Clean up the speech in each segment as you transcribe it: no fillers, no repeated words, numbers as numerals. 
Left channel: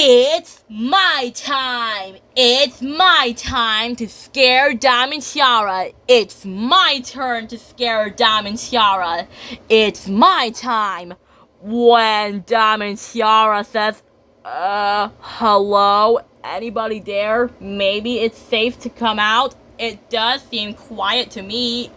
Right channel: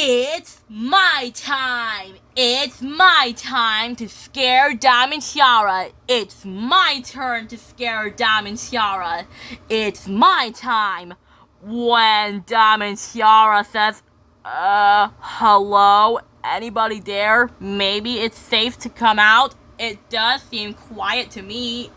It's my time! It's my time to scare Diamond Tiara! It's my turn to scare Diamond Tiara! It's my time! When Diamond Tiara says, hello? Anybody there? Maybe it's safe to come out? It does seem quiet to me,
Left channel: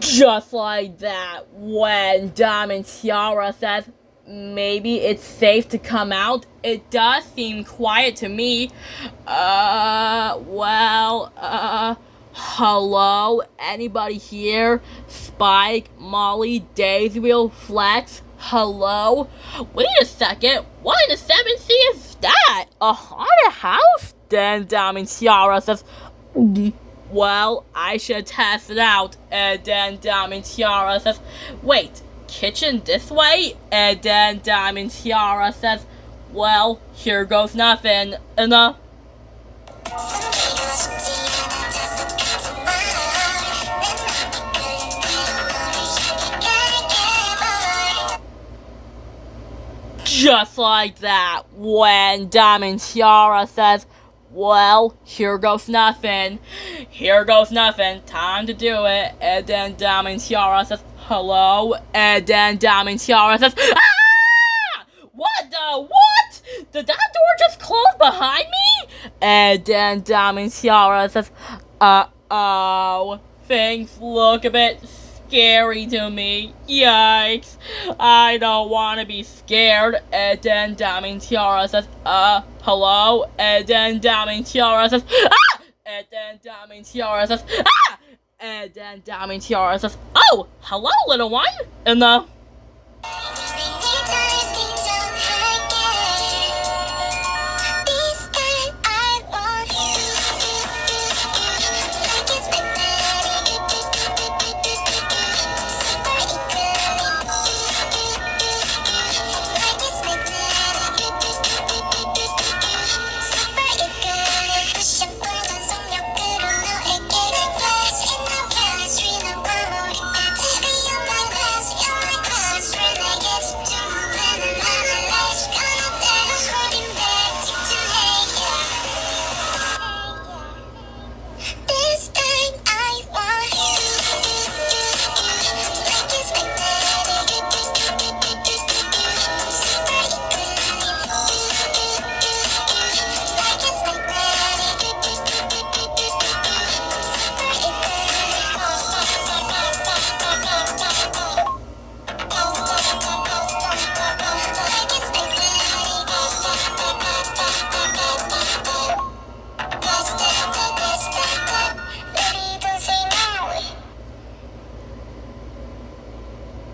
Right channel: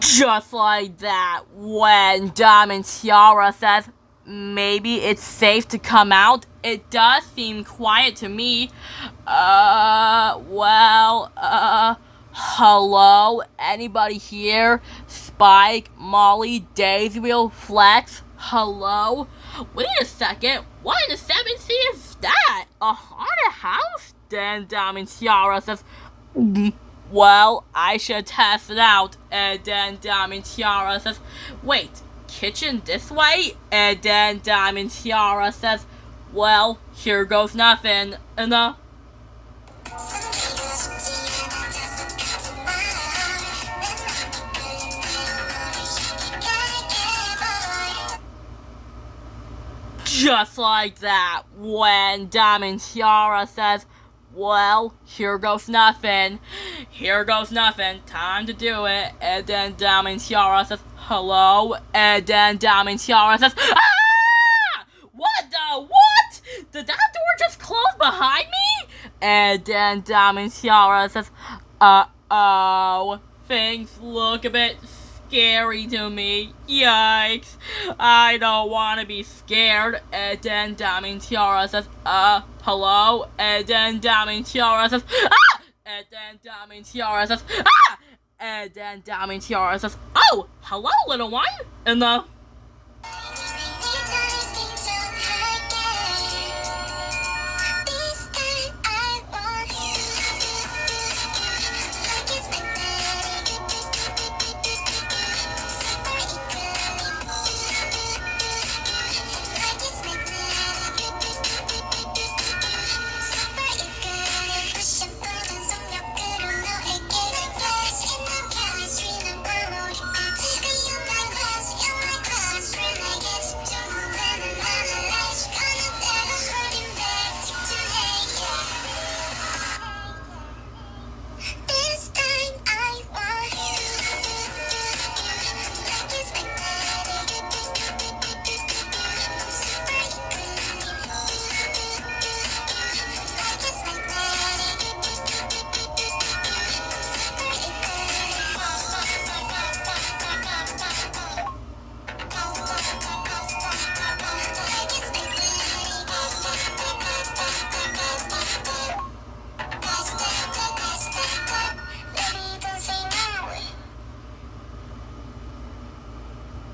Just like that, when Diamond Tiara says, maybe it's safe to come out, it does seem quiet to me. Hello? Anybody here? Spike, Molly, Daisy Wheel, Flex? Hello? Wait a second, what in the 7th sea is that? A haunted house? Then Diamond Tiara says, well, I should test it out. And then Diamond Tiara says, wait, kitchen this way? And then Diamond Tiara says, well, here goes nothing. Just like that, when Diamond Tiara says, well, here goes nothing. Here goes nothing. Time to do it. And then Diamond Tiara says, hello? And then Diamond Tiara says, ah! What? Did that door just close behind me? And then Diamond Tiara says, uh-oh. Things look a bit scary to me. Yikes. I don't want to be scared. And then Diamond Tiara says, hello? And then Diamond Tiara says, ah! And then Diamond Tiara says, ah! And then Diamond Tiara says, oh, hello, little one.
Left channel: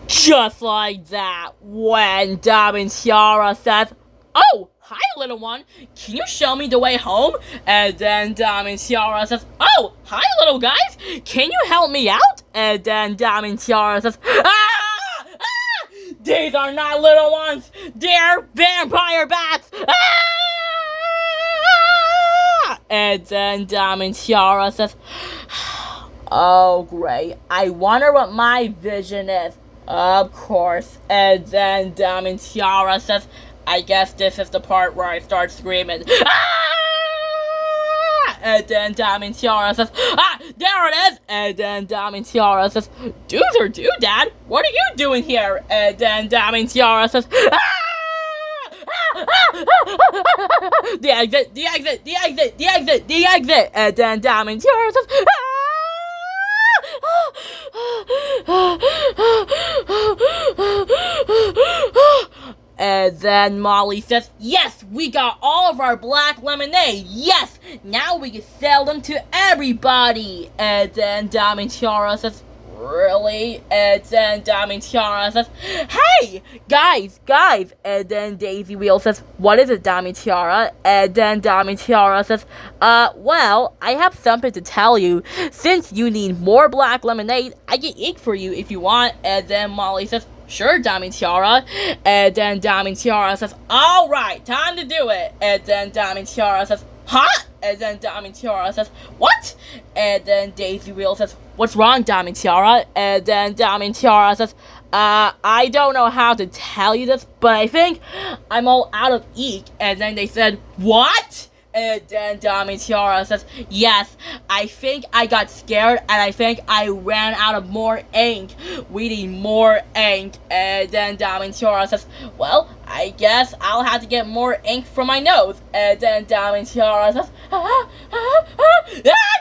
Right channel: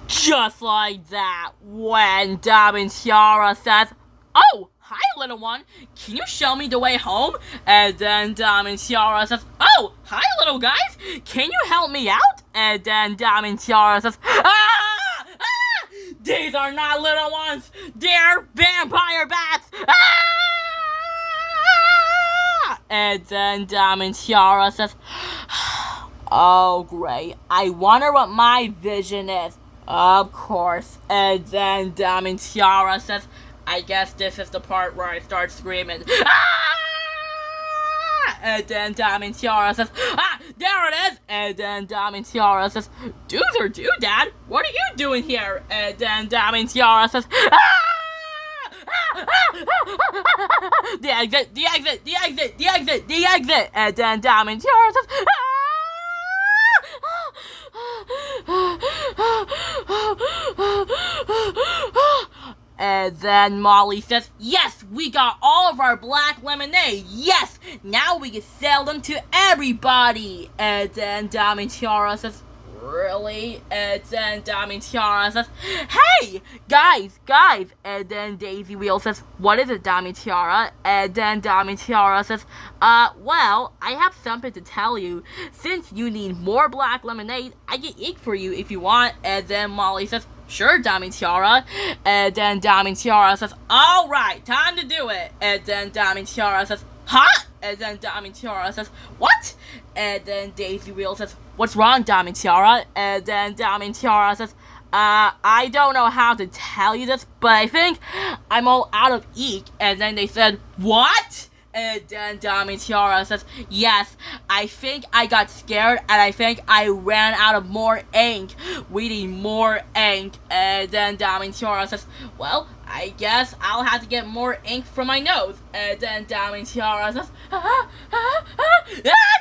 Just like that, when Diamond Tiara says, oh, hi, little one. Can you show me the way home? And then Diamond Tiara says, oh, hi, little guys. Can you help me out? And then Diamond Tiara says, ah! These are not little ones. They're vampire bats. And then Diamond Tiara says, oh, great. I wonder what my vision is. Of course. And then Diamond Tiara says, I guess this is the part where I start screaming. Ah! And then Diamond Tiara says, there it is. And then Diamond Tiara says, dudes or Dad, what are you doing here? And then Diamond Tiara says, the exit. And then Diamond Tiara says, And then Molly says, yes, we got all of our black lemonade. Yes, now we can sell them to everybody. And then Diamond Tiara says, really? And then Diamond Tiara says, hey, guys. And then Daisy Wheel says, what is it, Diamond Tiara? And then Diamond Tiara says, well, I have something to tell you. Since you need more black lemonade, I can ink for you if you want. And then Molly says, sure, Diamond Tiara. And then Diamond Tiara says, alright, time to do it. And then Diamond Tiara says, huh? And then Diamond Tiara says, what? And then Daisy Wheel says, what's wrong, Diamond Tiara? And then Diamond Tiara says, I don't know how to tell you this, but I think I'm all out of ink. And then they said, what? And then Diamond Tiara says, yes, I think I got scared and I think I ran out of more ink. We need more ink. And then Diamond Tiara says, well, I guess I'll have to get more ink from my nose. And then Diamond Tiara says,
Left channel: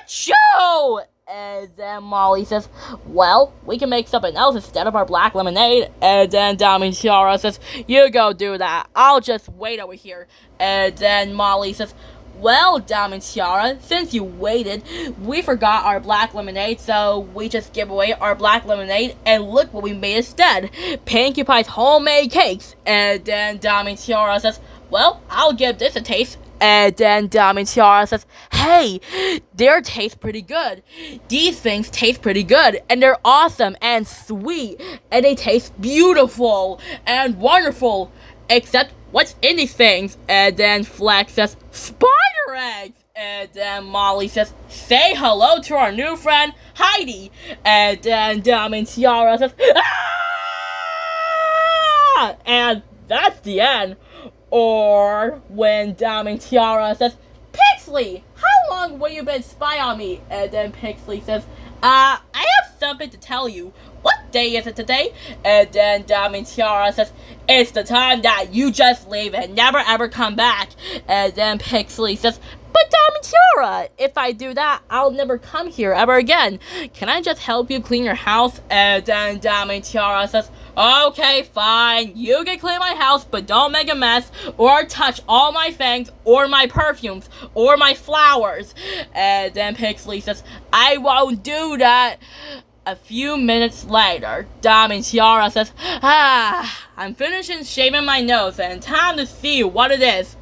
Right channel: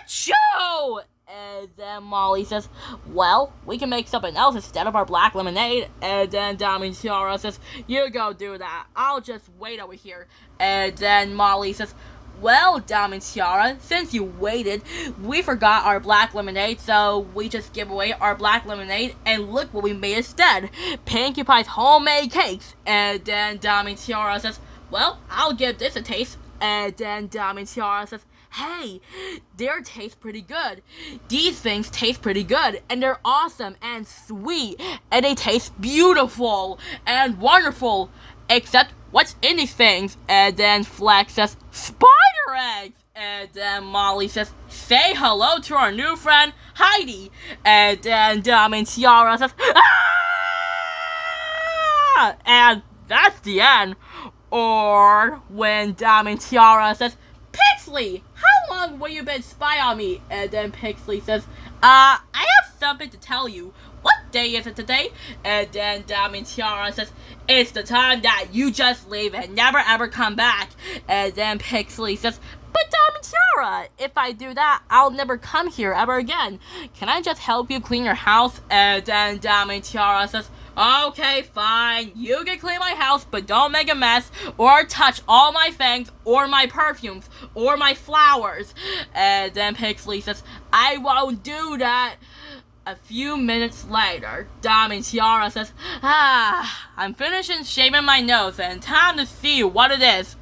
achoo! And then Molly says, well, we can make something else instead of our black lemonade. And then Diamond Tiara says, you go do that. I'll just wait over here. And then Molly says, well, Diamond Tiara, since you waited, we forgot our black lemonade, so we just give away our black lemonade, and look what we made instead. Pinkie Pie's homemade cakes. And then Diamond Tiara says, well, I'll give this a taste. And then Diamond Tiara says, hey, they taste pretty good. These things taste pretty good, and they're awesome and sweet, and they taste beautiful and wonderful. Except, what's in these things? And then Flex says, spider eggs! And then Molly says, say hello to our new friend, Heidi. And then Diamond Tiara says, ah! And that's the end. Or when Diamond Tiara says, Pixley, how long will you been spy on me? And then Pixley says, I have something to tell you. What day is it today? And then Diamond Tiara says, it's the time that you just leave and never ever come back. And then Pixley says, but Diamond Tiara, if I do that, I'll never come here ever again. Can I just help you clean your house? And then Diamond Tiara says, okay, fine, you can clean my house, but don't make a mess, or touch all my things, or my perfumes, or my flowers. And then Pixley says, I won't do that. A few minutes later, Diamond Tiara says, I'm finishing shaving my nose, and time to see what it is.